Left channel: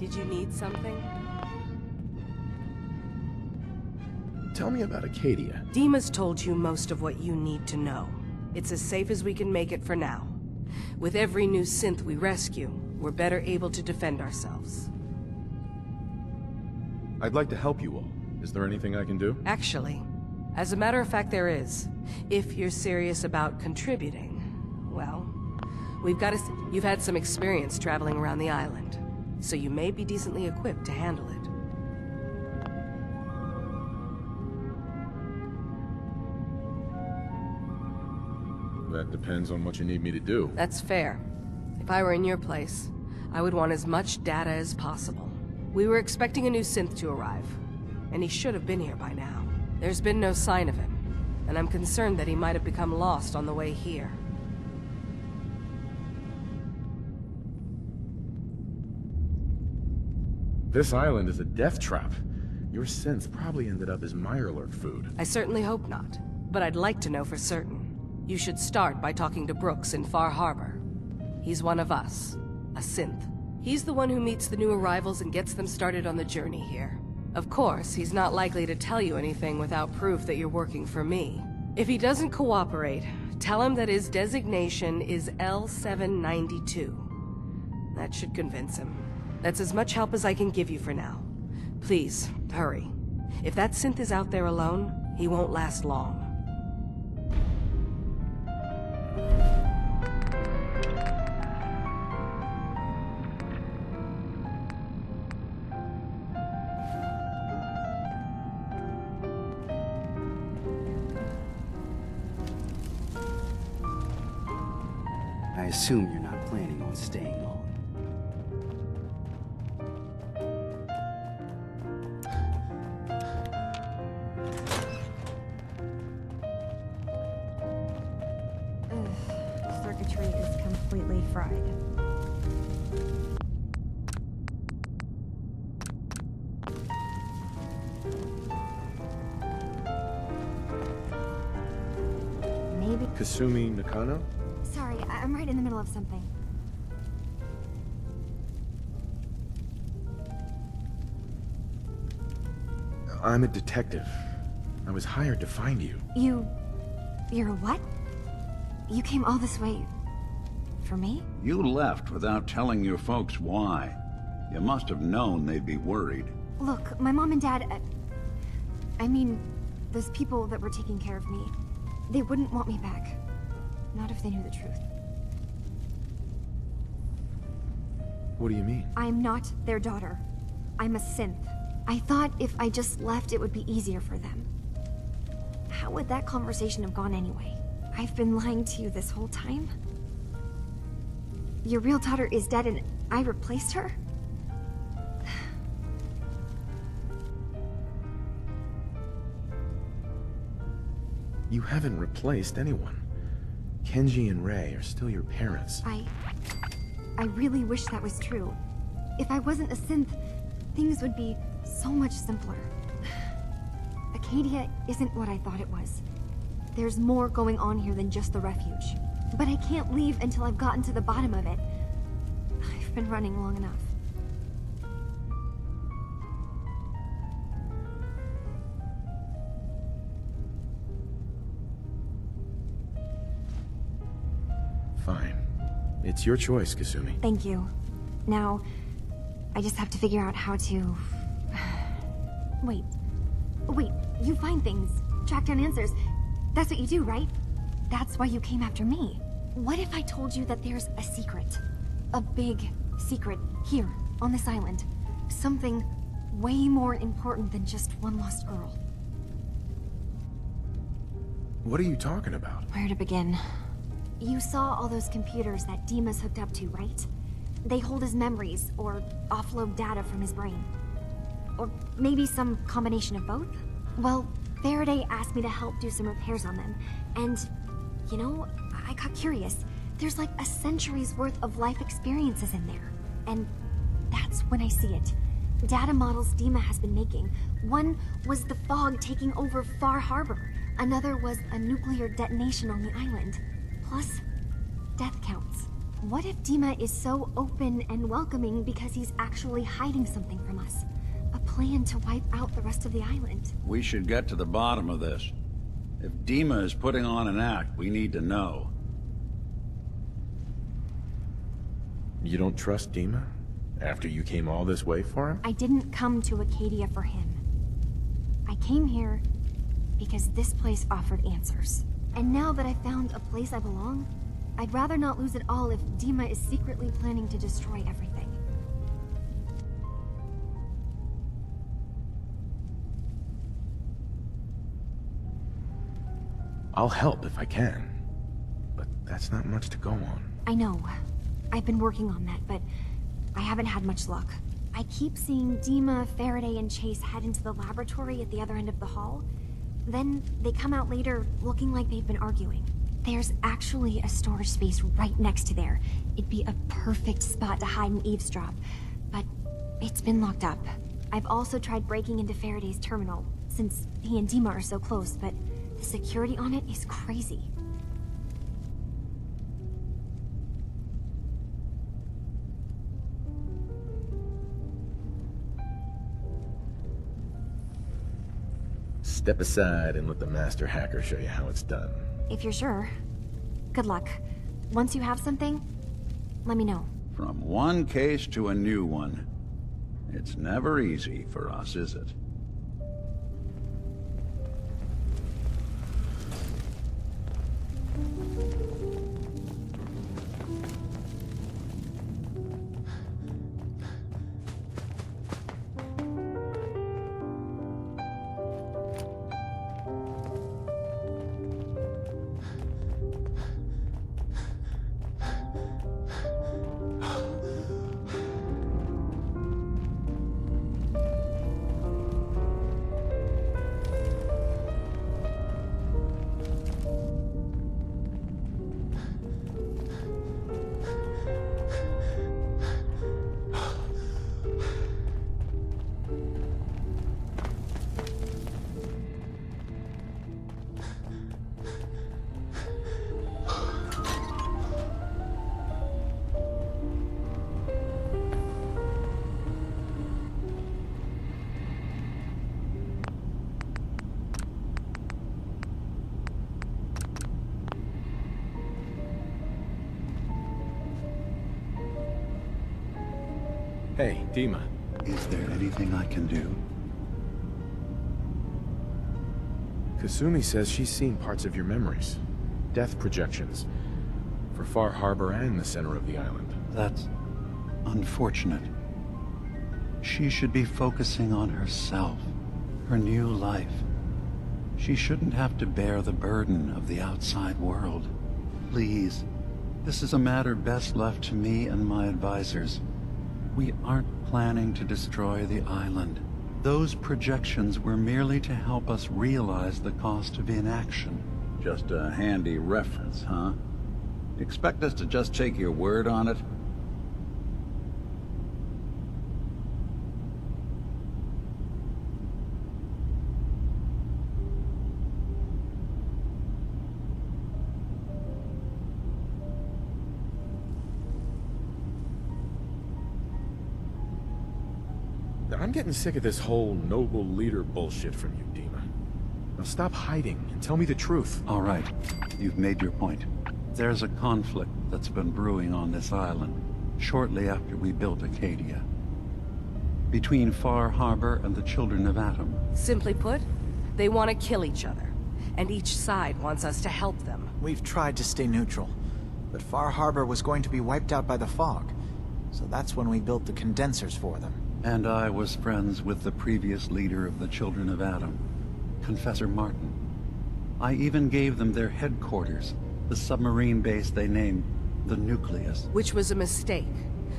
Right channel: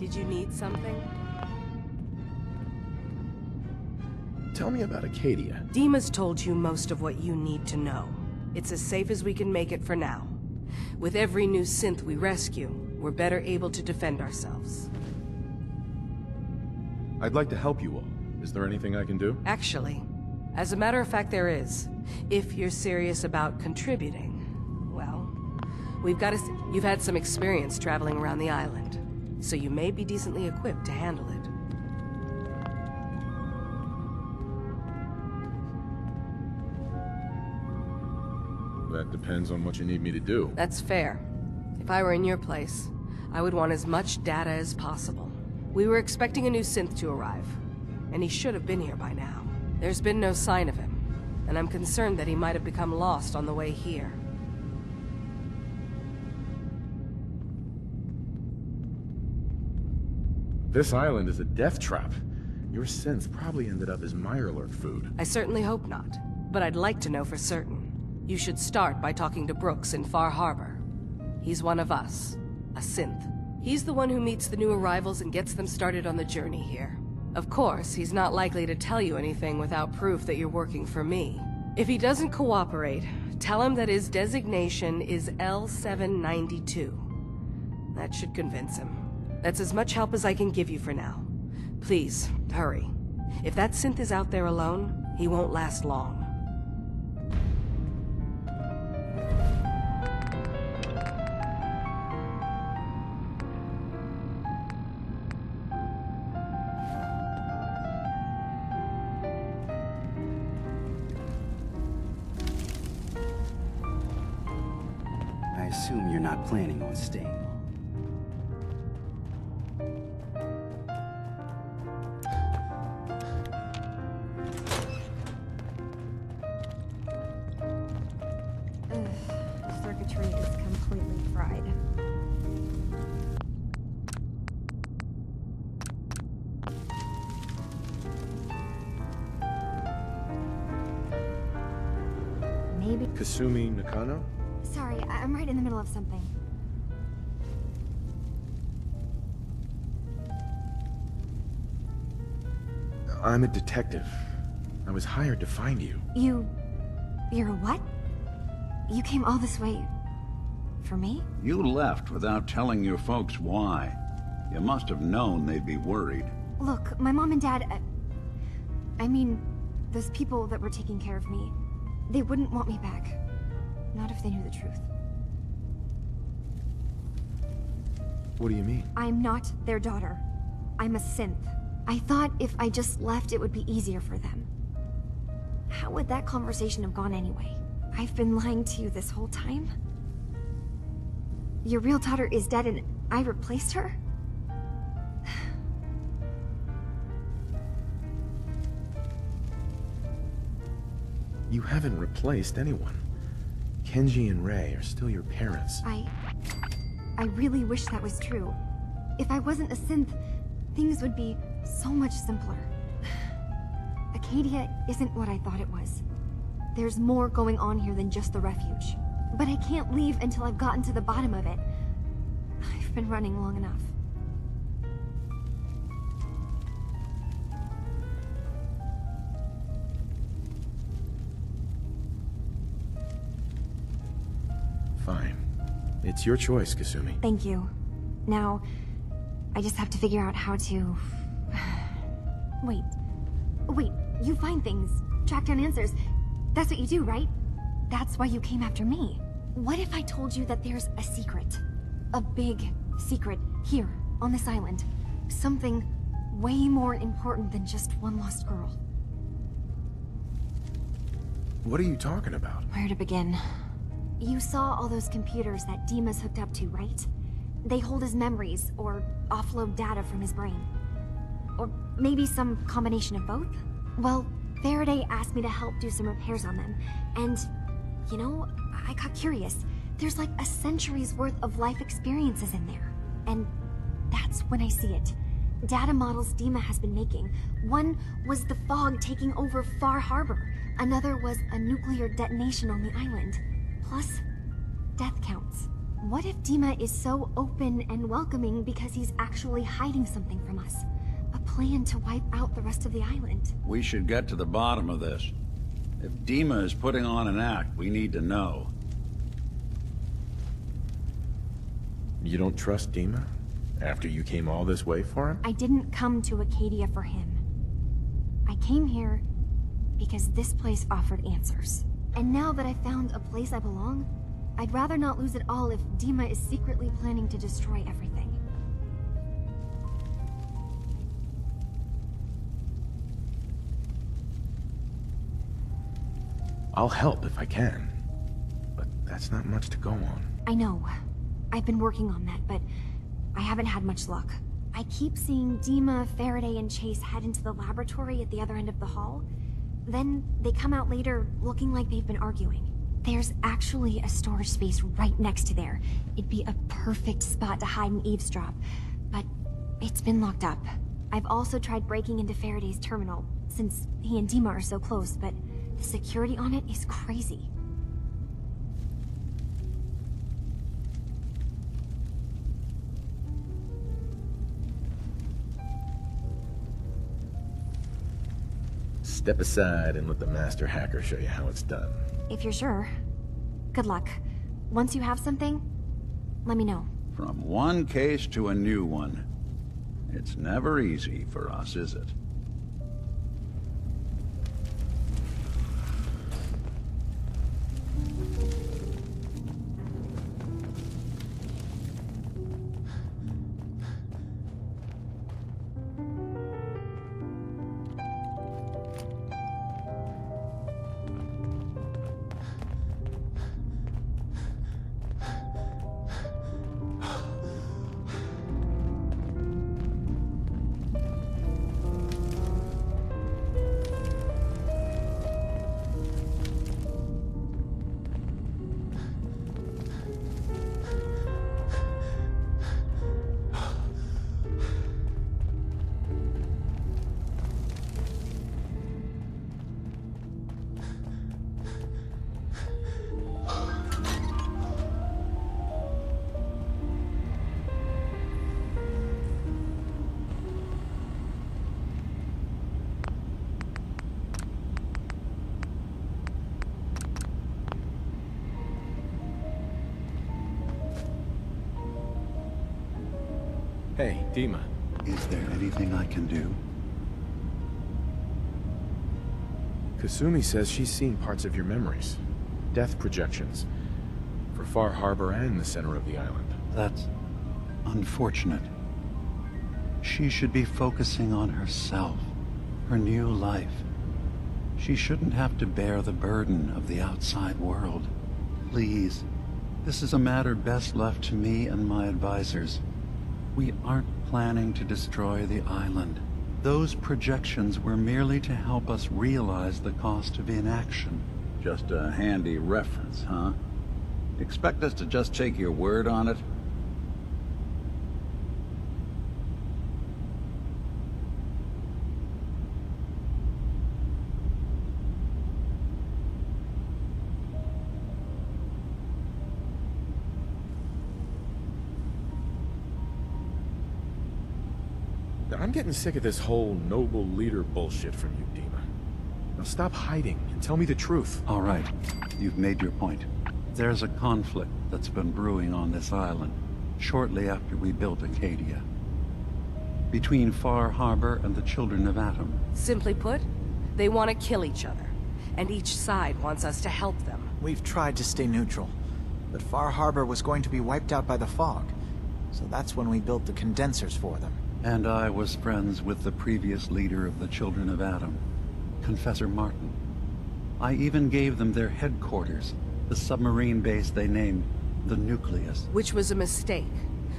Did you need something? Tell me about Acadia. Dima's told you most of what you need to know. It's as safe as we can make it for now. With every new synth we rescue, we're better able to defend ourselves. I'd like to help you all. Is there anything I can do? Actually, as a matter of fact, there is. If you're serious about contributing, well, you've had some experience traveling around the island, so you may be decently equipped to handle it. That depends on what you need me to do. That's fair. If I were in your place, I would want as much data as possible. We were expecting a new synth to arrive, and he should have been here by now. There's been no sign of him, and I'm concerned that he might have become lost on the way here. This island is a death trap. Your synth probably ended up as Mirelurk food. I certainly hope not, but I'd like to know for certain. You should start by talking to Brooks in Far Harbor. He's one of us, a synth. He's the one who meets the new arrivals and gets them started on the journey here. Of course, he's not likely to tell you anything without proof that you're working for me. If he doesn't cooperate, tell him that his designation is L792. That should convince him. That's as much help as I can give you for now. Please, hurry. If that synth is out there alone, he won't last long. I assume you're not planning on staying long. Circuitry is completely fried. Maybe. Kasumi Nakano? Sorry, I'm right in the middle of something. I'm a detective. I was hired to find you. You're a what? You came all this way... for me? You left without telling your folks why. You must have known they'd be worried. Look, my mom and dad... I mean, those people that were taking care of me, they wouldn't want me back. Not if they knew the truth. What do you mean? I'm not their daughter. I'm a synth. I thought if I just left, it would be easier for them. How would that conversation have gone anyway? I've been lying to you this whole time? Your real daughter is dead and I replaced her? You haven't replaced anyone. Kenji and Rei are still your parents. I really wish that was true. If I wasn't a synth, things would be so much simpler. Acadia isn't what I thought it was. There's more going on here than just the refuge. But I can't leave until I've gotten to the bottom of it. I've been running long enough. Fine. It's your choice, Kasumi. Thank you. Now, I just have to figure out how to... Wait, you find things, track down answers. That's what you do, right? That's why you came after me. What if I told you that there's a secret? A big secret here, on this island. Something way more important than just one lost girl. What are you talking about? Where to begin? You saw all those computers that Dima's hooked up to, right? They hold his memories, or offload data from his brain. Or maybe some combination of both? Well, Faraday asked me to help do some repairs on them, and, you know, I got curious. There's like a century's worth of life experiences in there. And that's when I see it. Data models Dima has been making. One was the fog taking over Far Harbor. Another was a nuclear detonation on the island. Plus, death counts. What if Dima is so open and welcoming because he's actually hiding something from us? A plan to wipe out the rest of the island. We should get to the bottom of this. If Dima is putting on an act, we need to know. You don't trust Dima? After you came all this way for him? I didn't come to Acadia for him. I came here because this place offered answers. And now that I found a place I belong, I'd rather not lose it all if Dima is secretly planning to destroy everything. I'll help if I can. But that's not much to go on. I know. I've been working on that, but I haven't had much luck. I keep seeing Dima, Faraday, and Chase head into the laboratory at the other end of the hall. Then they come out later looking like they've been arguing. There's actually a storage space right next to there. It'd be a perfect spot to hide and eavesdrop, but it's been locked up. I've also tried breaking into Faraday's terminal, since he and Dima are so close, but the security on it is crazy. Step aside and let the master hacker show you how it's done. If you're sure. Good luck. Once you have something, let me know. From one case to a new one. It's never easy for us, is it? Hey, Dima. Is there anything I can do? Kasumi says she's seen parts of your memories. Death projections. For Far Harbor and the center of the island. That's unfortunate. She should be focusing on herself, her new life. She shouldn't have to bear the burden of the outside world. Please, this is a matter best left to me and my advisors. We aren't planning to destroy the island. Those projections were merely to help us realize the cost of inaction. Just a handy reference, huh? Expect us to just take your word on it? I'm getting sick of this whole noble leader bullshit from you, Dima. Now stop hiding and tell me the truth. All right, you've made your point. There's a conflict that's been brewing on this island, shortly after we built Acadia. Between Far Harbor and the Children of Atom. Simply put, they want to kill each other, and each side wants us to help them. We've tried to stay neutral, but Far Harbor was going to be wiped out by the fog, so that's when we built the condensers for them. And I was friends with the previous leader of the Children of Atom, Confessor Martin. I even gave them their headquarters, the submarine base they named the Nucleus. Which was a mistake,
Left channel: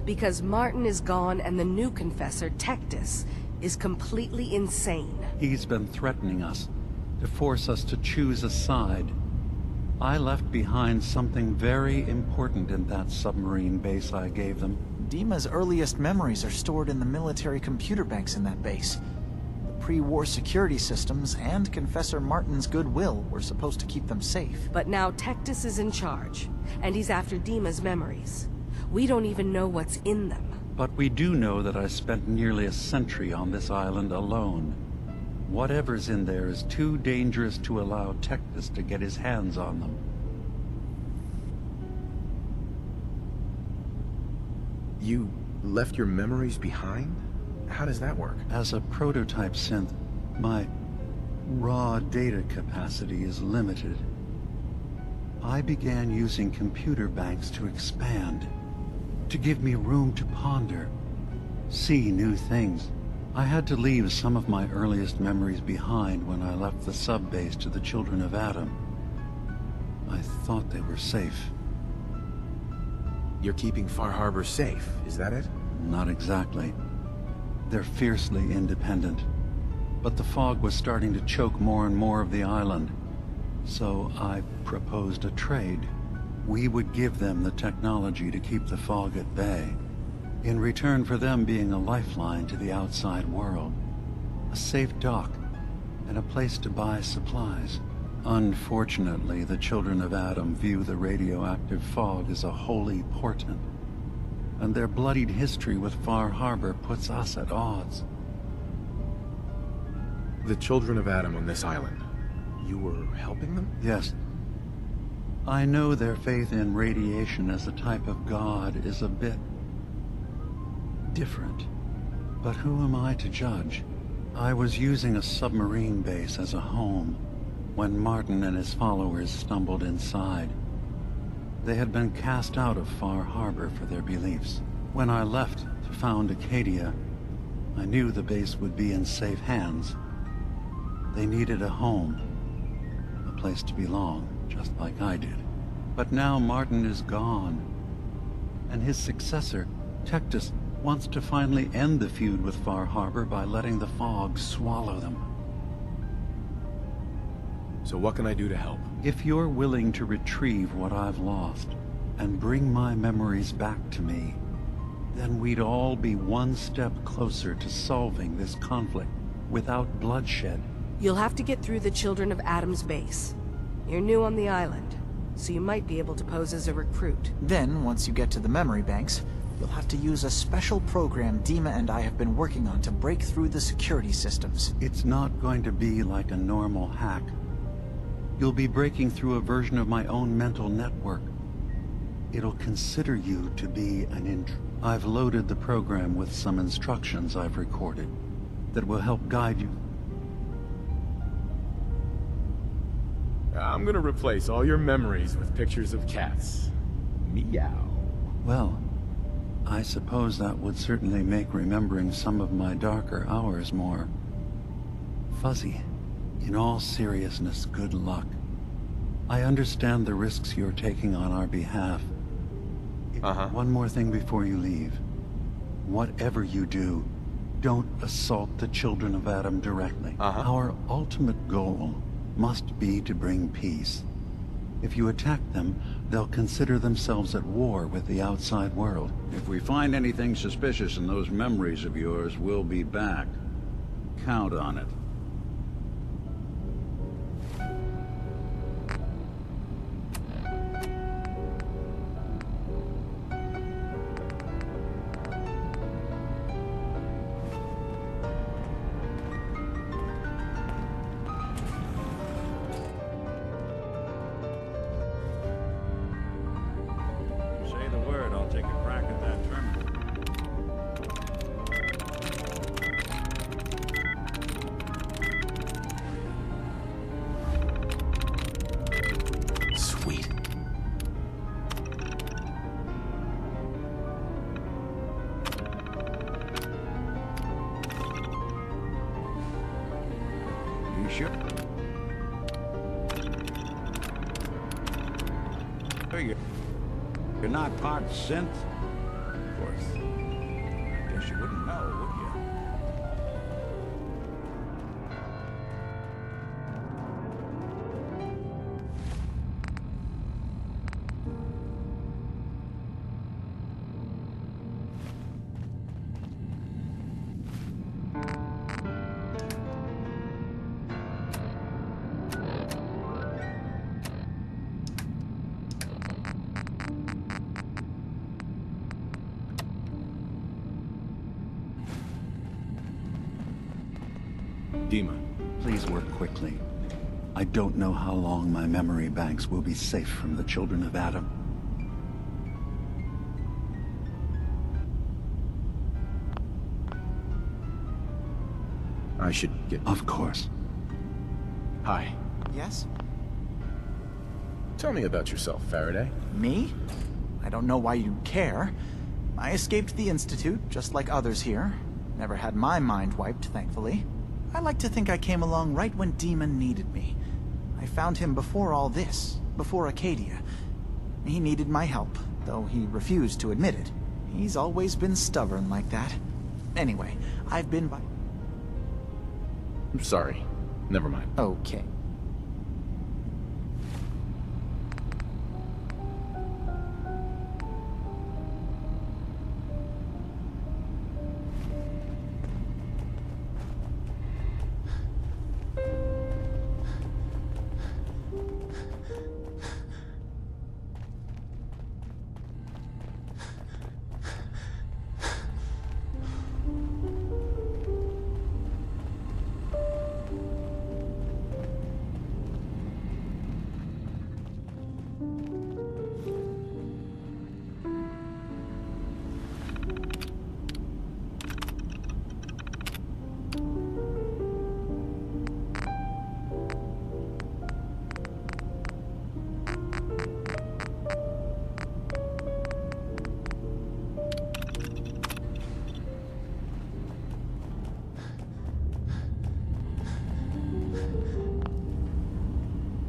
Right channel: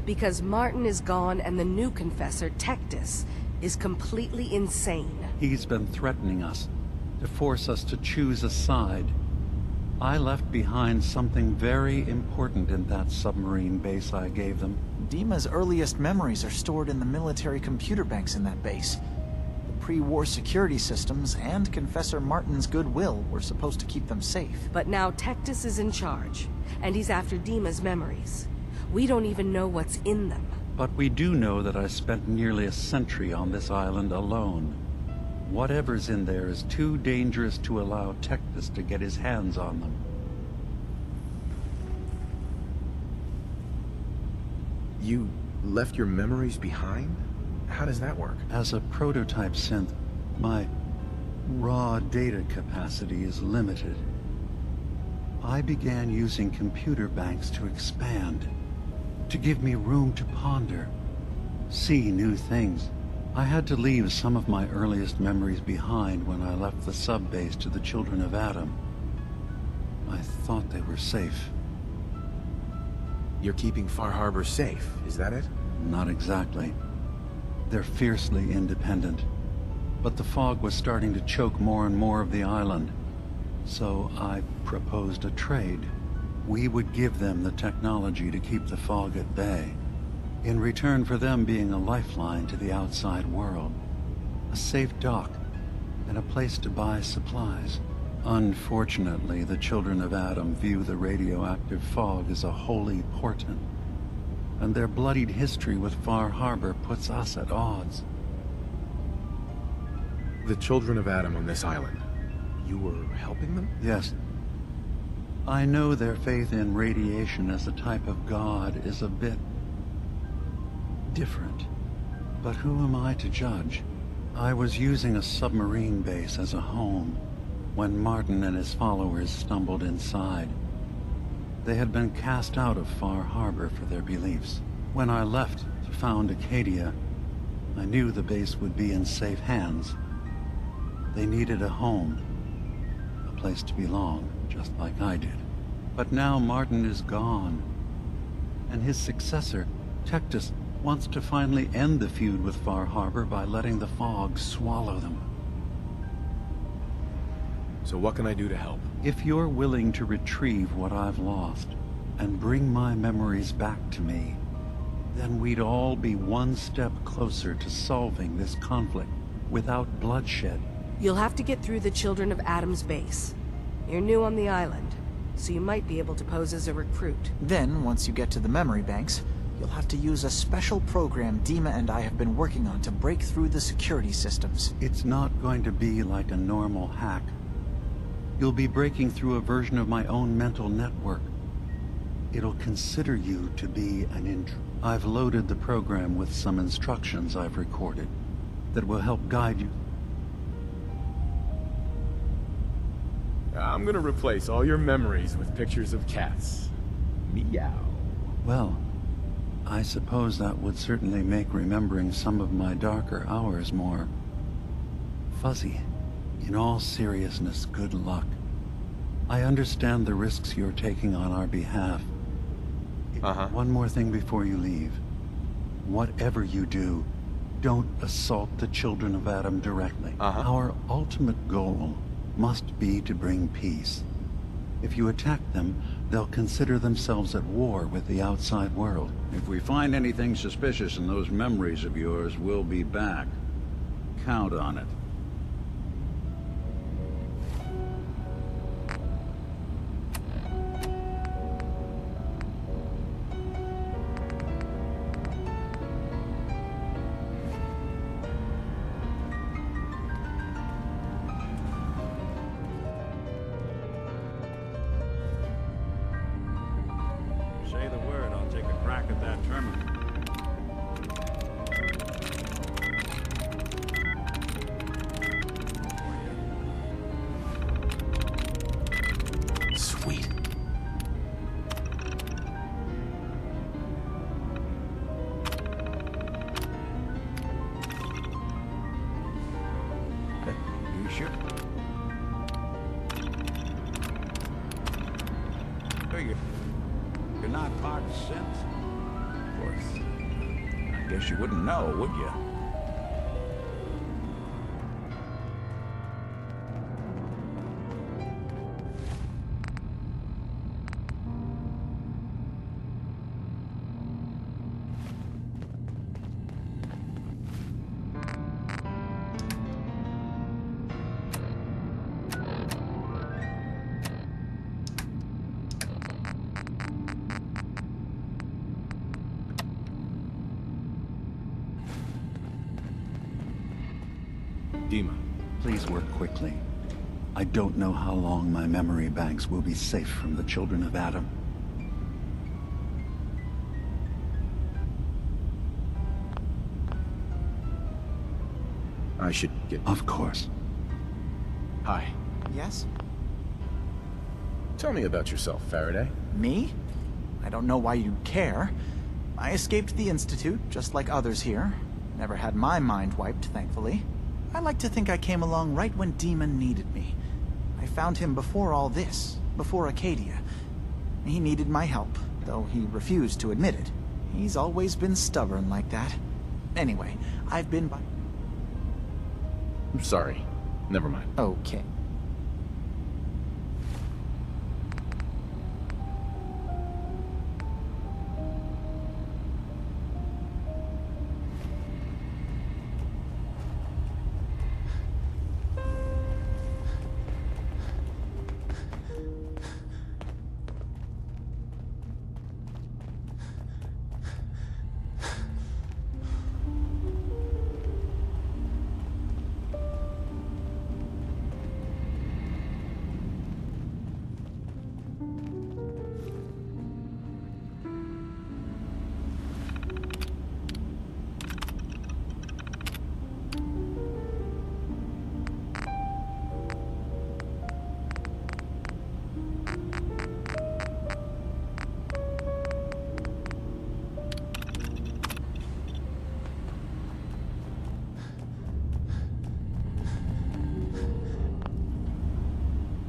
because Martin is gone and the new Confessor, Tectus, is completely insane. He's been threatening us, to force us to choose a side. I left behind something very important in that submarine base I gave them. Dima's earliest memories are stored in the military computer banks in that base. The pre-war security systems and Confessor Martin's goodwill were supposed to keep them safe. But now Tectus is in charge, and he's after Dima's memories. We don't even know what's in them. But we do know that I spent nearly a century on this island alone. Whatever's in there is too dangerous to allow Tectus to get his hands on them. You left your memories behind? How does that work? As a prototype synth, my raw data capacity is limited. I began using computer banks to expand, to give me room to ponder, see new things. I had to leave some of my earliest memories behind when I left the sub-base to the Children of Adam. I thought they were safe. You're keeping Far Harbor safe, is that it? Not exactly. They're fiercely independent. But the fog was starting to choke more and more of the island. So I proposed a trade. We would give them the technology to keep the fog at bay, in return for them being a lifeline to the outside world. A safe dock, and a place to buy supplies. Unfortunately, the Children of Adam view the radioactive fog as a holy portent, and their bloodied history with Far Harbor puts us at odds. The Children of Adam on this island. You were helping them? Yes. I know their faith in radiation as a type of god is a bit different, but who am I to judge? I was using a submarine base as a home when Martin and his followers stumbled inside. They had been cast out of Far Harbor for their beliefs. When I left to found Acadia, I knew the base would be in safe hands. They needed a home, a place to belong, just like I did. But now Martin is gone, and his successor, Tectus, wants to finally end the feud with Far Harbor by letting the fog swallow them. So what can I do to help? If you're willing to retrieve what I've lost and bring my memories back to me, then we'd all be one step closer to solving this conflict without bloodshed. You'll have to get through the Children of Adam's base. You're new on the island, so you might be able to pose as a recruit. Then, once you get to the memory banks, you'll have to use a special program Dima and I have been working on to break through the security systems. It's not going to be like a normal hack. You'll be breaking through a version of my own mental network. It'll consider you to be an intruder. I've loaded the program with some instructions I've recorded that will help guide you. I'm gonna replace all your memories with pictures of cats. Meow. Well, I suppose that would certainly make remembering some of my darker hours more fuzzy. In all seriousness, good luck. I understand the risks you're taking on our behalf. One more thing before you leave. Whatever you do, don't assault the Children of Adam directly. Our ultimate goal must be to bring peace. If you attack them, they'll consider themselves at war with the outside world. If we find anything suspicious in those memories of yours, we'll be back. Count on it. Say the word, I'll take a crack at that terminal. Sweet. You sure? You're not part synth? Of course. I guess you wouldn't know, would you? Dima. Please work quickly. I don't know how long my memory banks will be safe from the children of Adam. I should get... Of course. Hi. Yes? Tell me about yourself, Faraday. Me? I don't know why you'd care. I escaped the Institute, just like others here. Never had my mind wiped, thankfully. I like to think I came along right when Demon needed me. I found him before all this, before Acadia. He needed my help, though he refused to admit it. He's always been stubborn like that. Anyway, I've been by... I'm sorry. Never mind. Okay.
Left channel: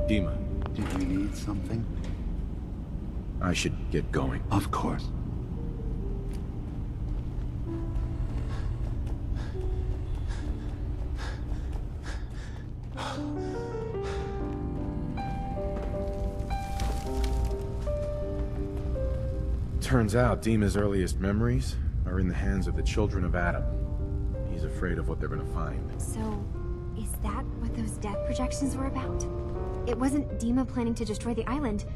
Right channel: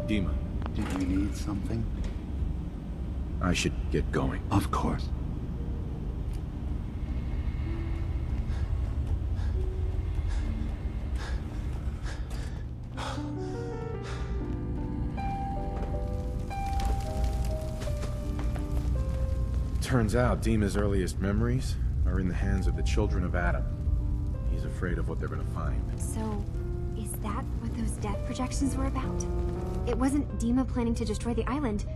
Dima. Did you need something? I should get going. Of course. Turns out Dima's earliest memories are in the hands of the children of Adam. He's afraid of what they're gonna find. So, is that what those death projections were about? It wasn't Dima planning to destroy the island.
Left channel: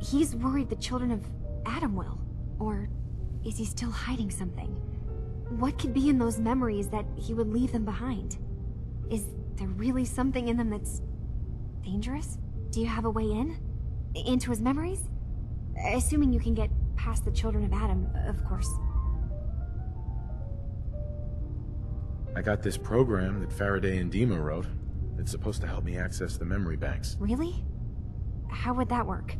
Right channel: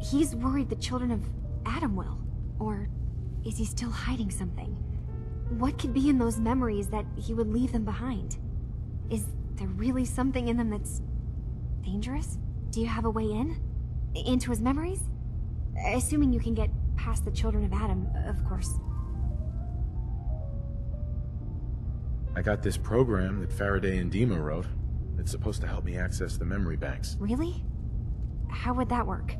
He's worried the children of Adam will. Or is he still hiding something? What could be in those memories that he would leave them behind? Is there really something in them that's dangerous? Do you have a way in? Into his memories? Assuming you can get past the children of Adam, of course. I got this program that Faraday and Dima wrote. It's supposed to help me access the memory banks. Really? How would that work?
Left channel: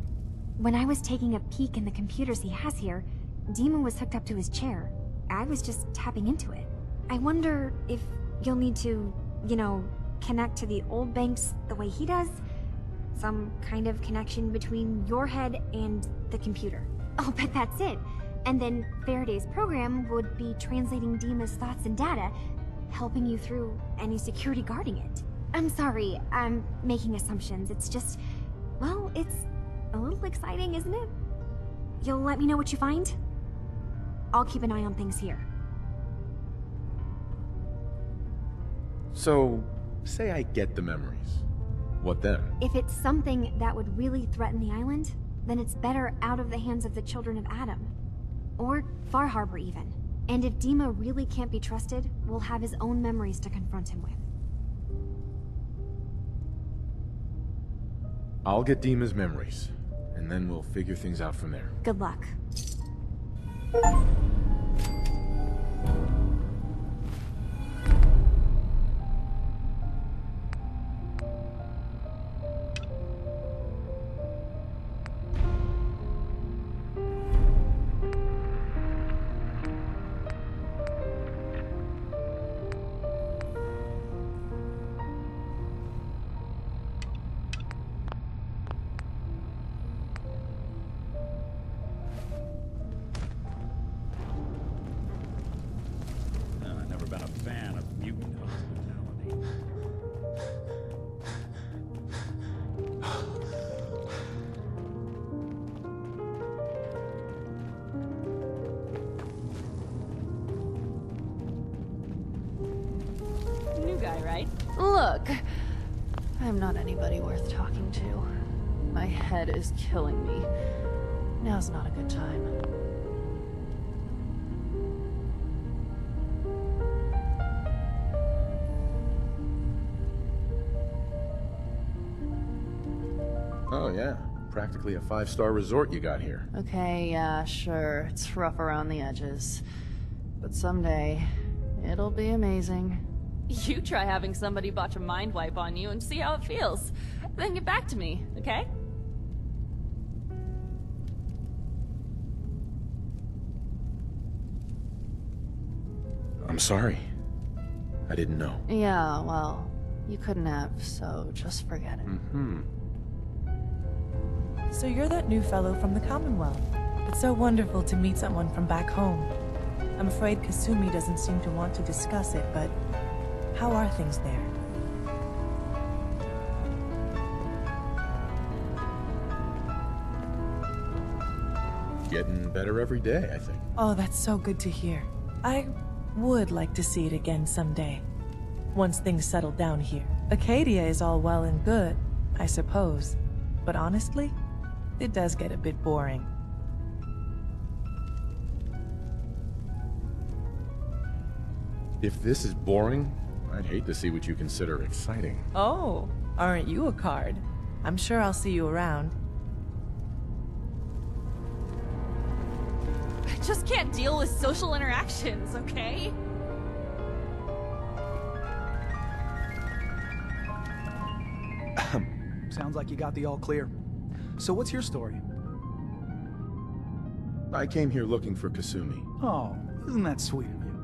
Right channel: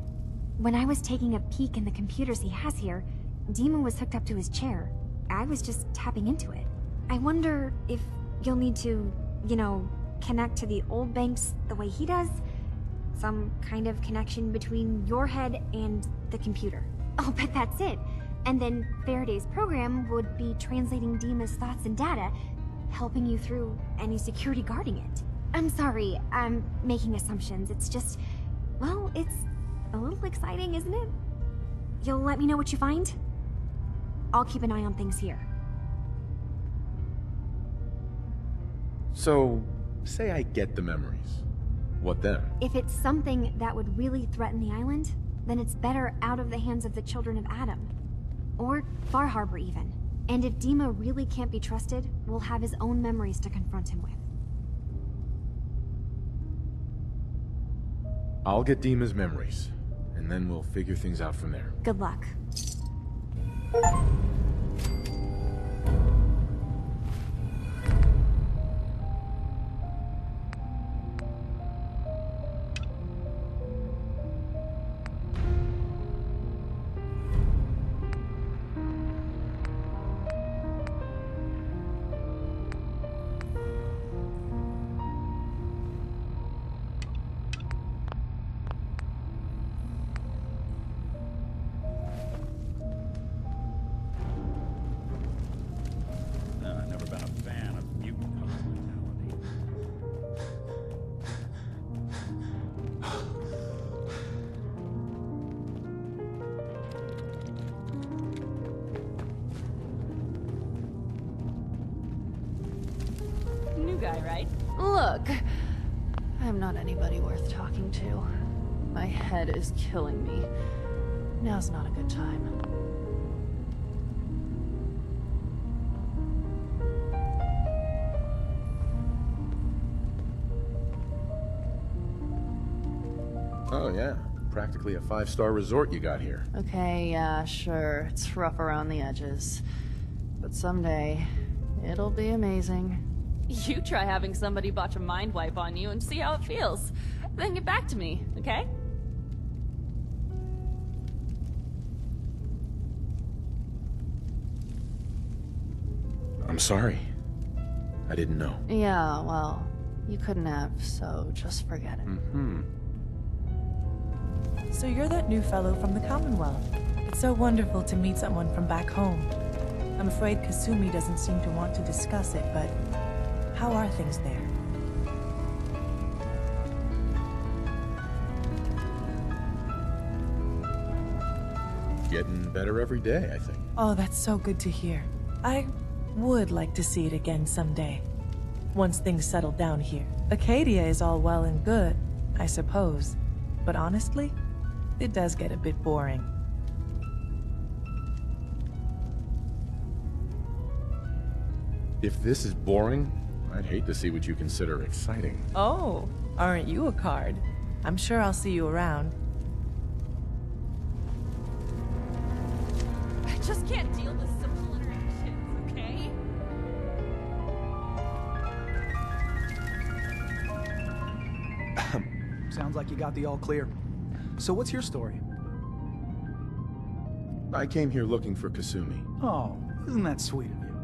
When I was taking a peek in the computers he has here, Dima was hooked up to his chair. I was just tapping into it. I wonder if you'll need to, you know, connect to the old banks the way he does? Some kind of connection between your head and the computer. I'll bet that's it. And then Faraday's program would be translating Dima's thoughts and data, helping you through any security guarding it. I'm sorry, I'm making assumptions. It's just, well, it's a little exciting, isn't it? You'll let me know what you find? I'll keep an eye on things here. So, say I get the memories. What then? If it's something that would really threaten the island, then it's better out of the hands of the children of Adam. Or Far Harbor, even. And if Dima really can't be trusted, we'll have his own memories to confront him with. I'll get Dima's memories, and then we'll figure things out from there. Good luck. I've never been a fan of mutant hospitality. New guy, right? Look, I'm not anybody worth talking to. My head is killing me. Now's not a good time. Oh, yeah. Practically a 5-star resort you got here. Okay, yeah, sure. It's rough around the edges. But someday, it'll be amazing. You try having somebody botch a mind wipe on you and see how it feels. Then get back to me, okay? I'm sorry. I didn't know. Yeah, well, you couldn't have, so just forget it. Mm-hmm. So you're that new fellow from the Commonwealth. It's so wonderful to meet someone from back home. I'm afraid Kasumi doesn't seem to want to discuss it, but how are things there? Getting better every day, I think. Oh, that's so good to hear. I would like to see it again someday. Once things settle down here. Acadia is all well and good, I suppose. But honestly, it does get a bit boring. If this is boring, I'd hate to see what you consider exciting. Oh, aren't you a card? I'm sure I'll see you around. I just can't deal with social interactions, okay? Sounds like you got the all clear. So what's your story? I came here looking for Kasumi. Oh, isn't that sweet of you?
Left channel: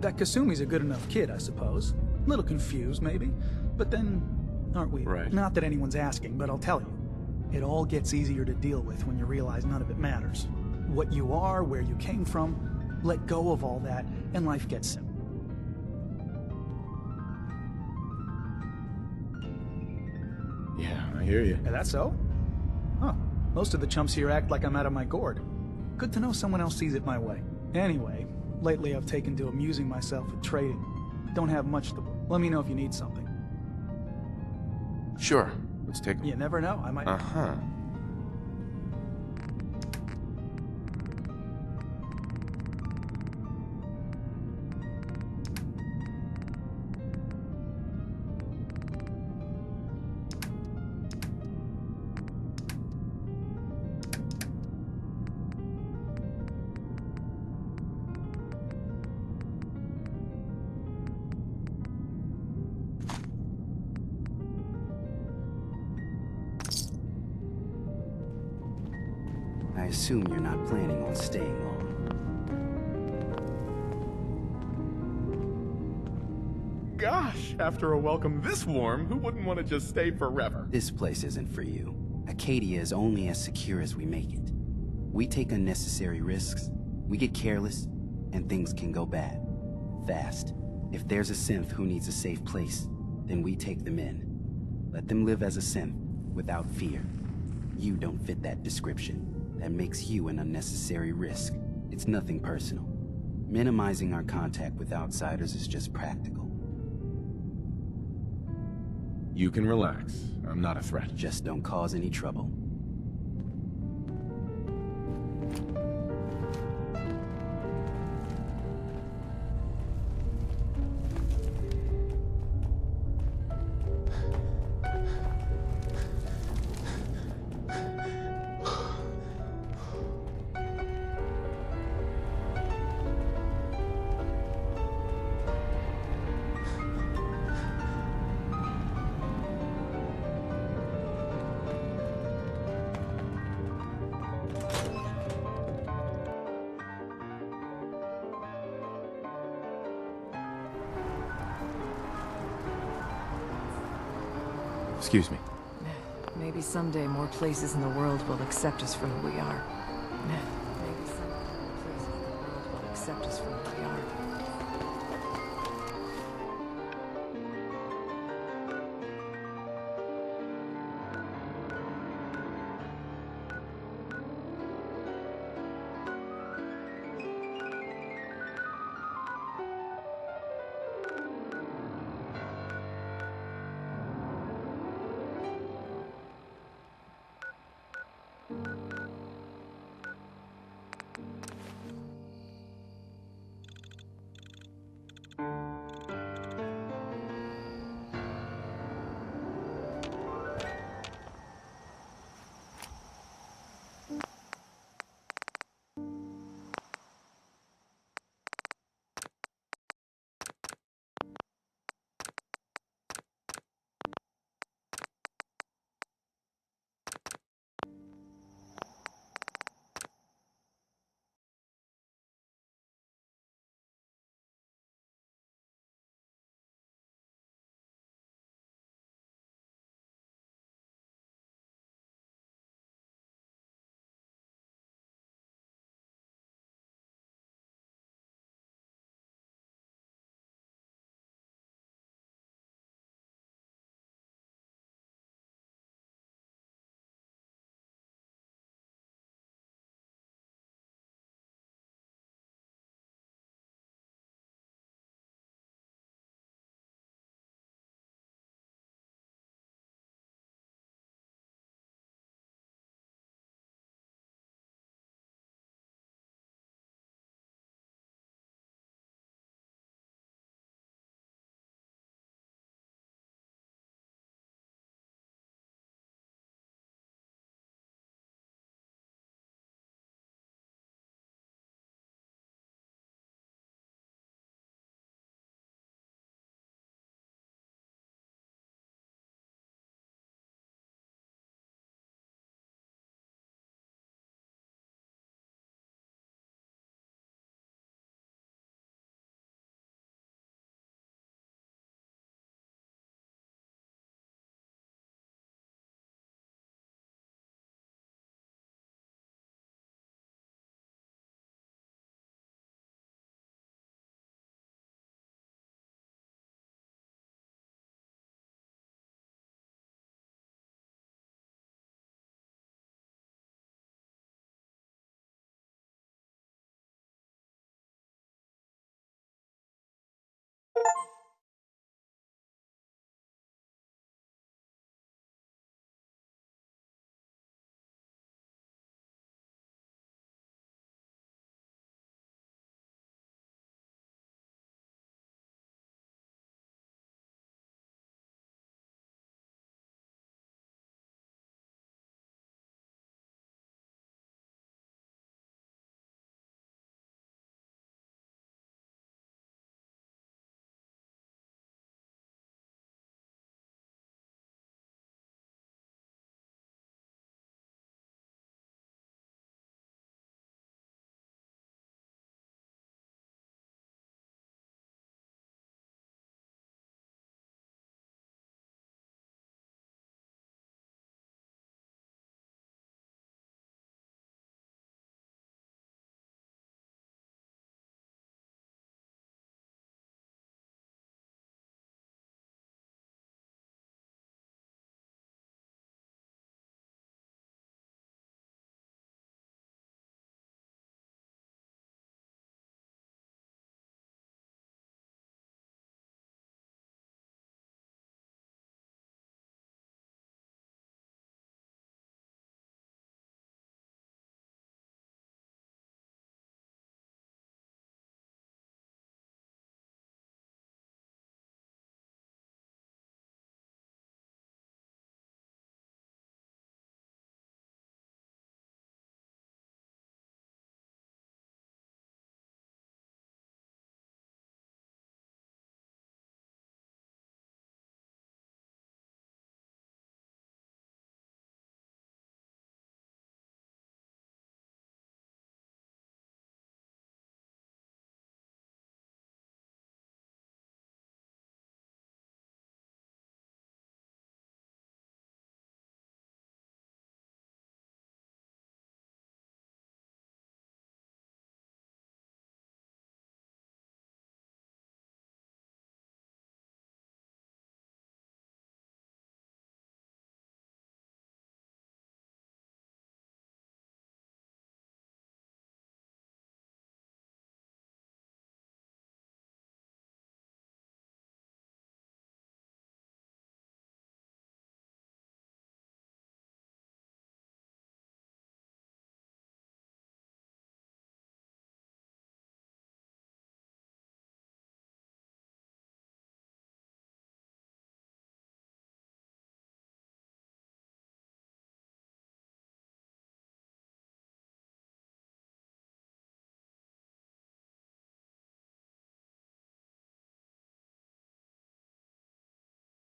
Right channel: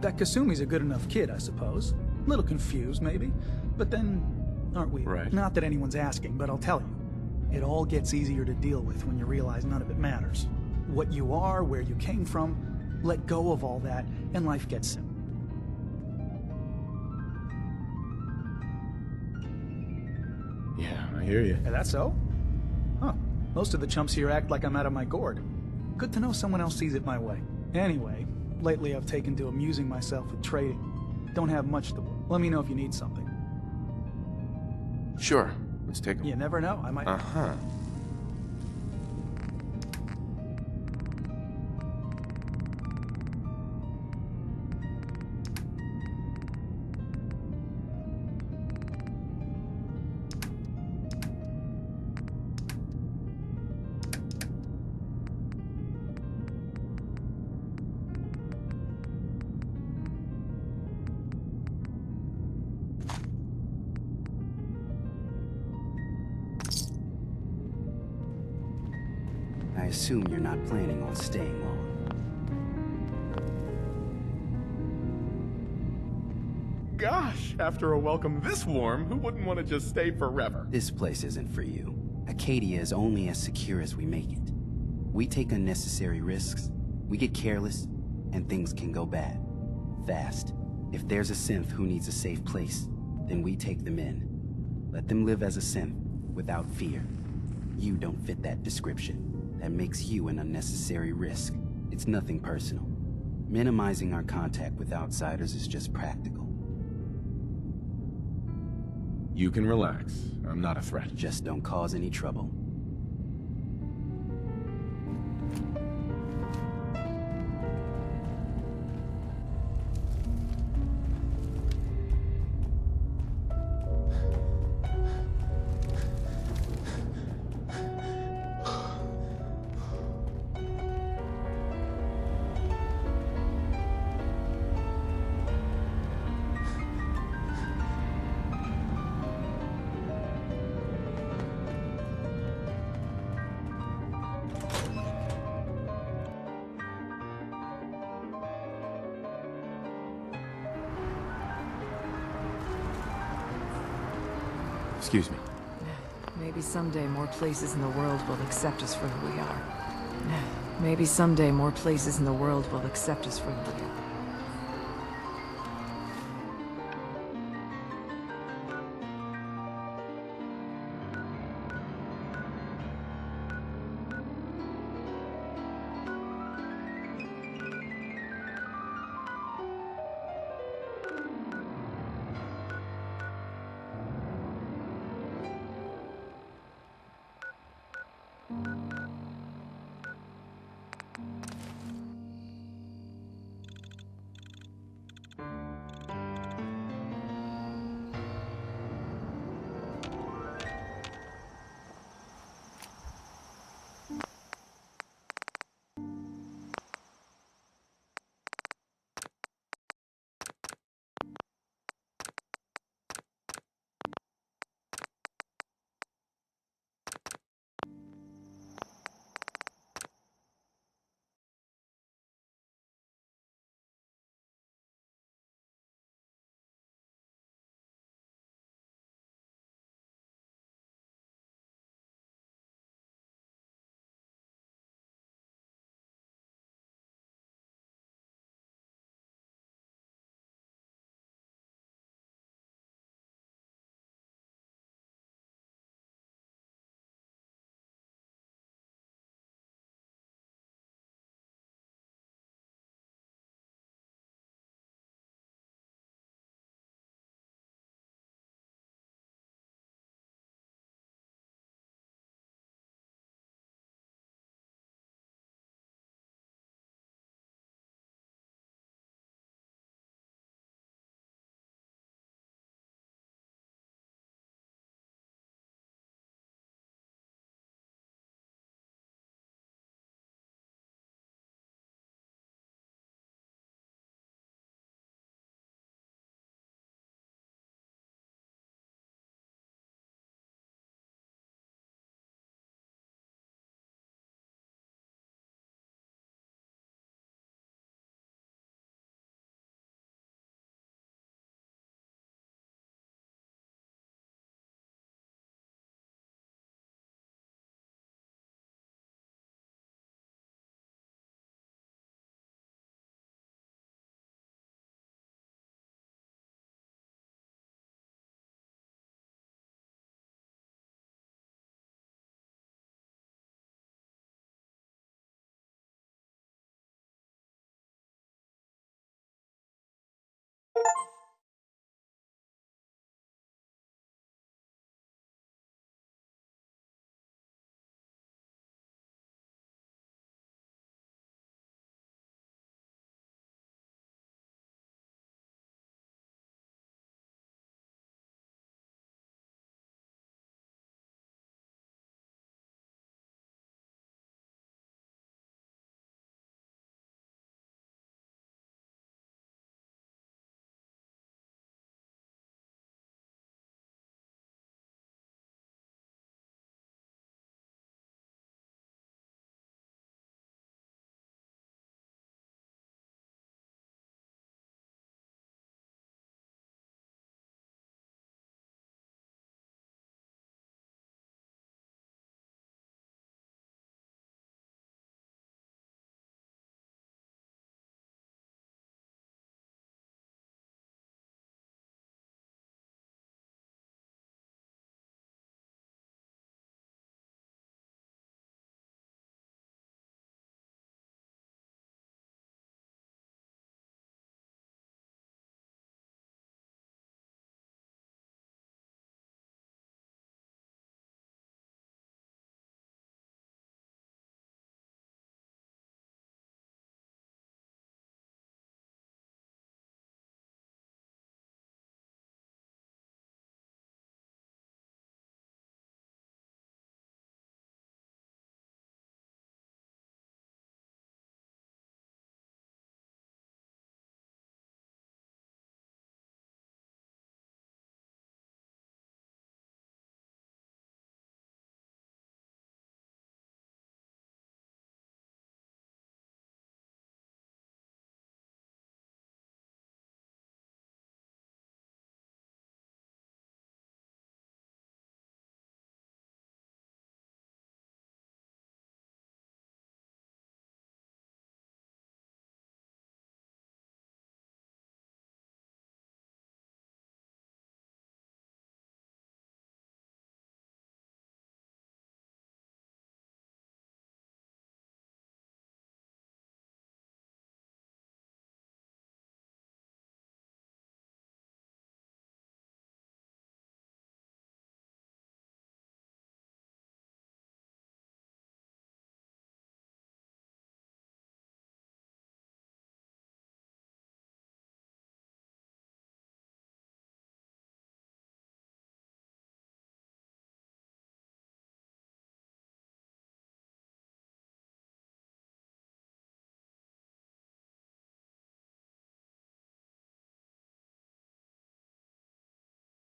That Kasumi's a good enough kid, I suppose. Little confused, maybe. But then, aren't we? Right. Not that anyone's asking, but I'll tell you. It all gets easier to deal with when you realize none of it matters. What you are, where you came from, let go of all that, and life gets simple. Yeah, I hear you. Is that so? Huh. Most of the chumps here act like I'm out of my gourd. Good to know someone else sees it my way. Anyway, lately I've taken to amusing myself with trading. Don't have much to work. Let me know if you need something. Sure. Let's take a You never know, I might... Uh-huh. I assume you're not planning on staying long. Gosh, after a welcome this warm, who wouldn't want to just stay forever? This place isn't for you. Acadia is only as secure as we make it. We take unnecessary risks, we get careless, and things can go bad. Fast. If there's a synth who needs a safe place, then we take them in. Let them live as a synth, without fear. You don't fit that description. That makes you an unnecessary risk. It's nothing personal. Minimizing our contact with outsiders is just practical. You can relax. I'm not a threat. Just don't cause any trouble. Excuse me. Maybe someday more places in the world will accept us for who we are. Maybe someday more places in the world will accept us for who we are.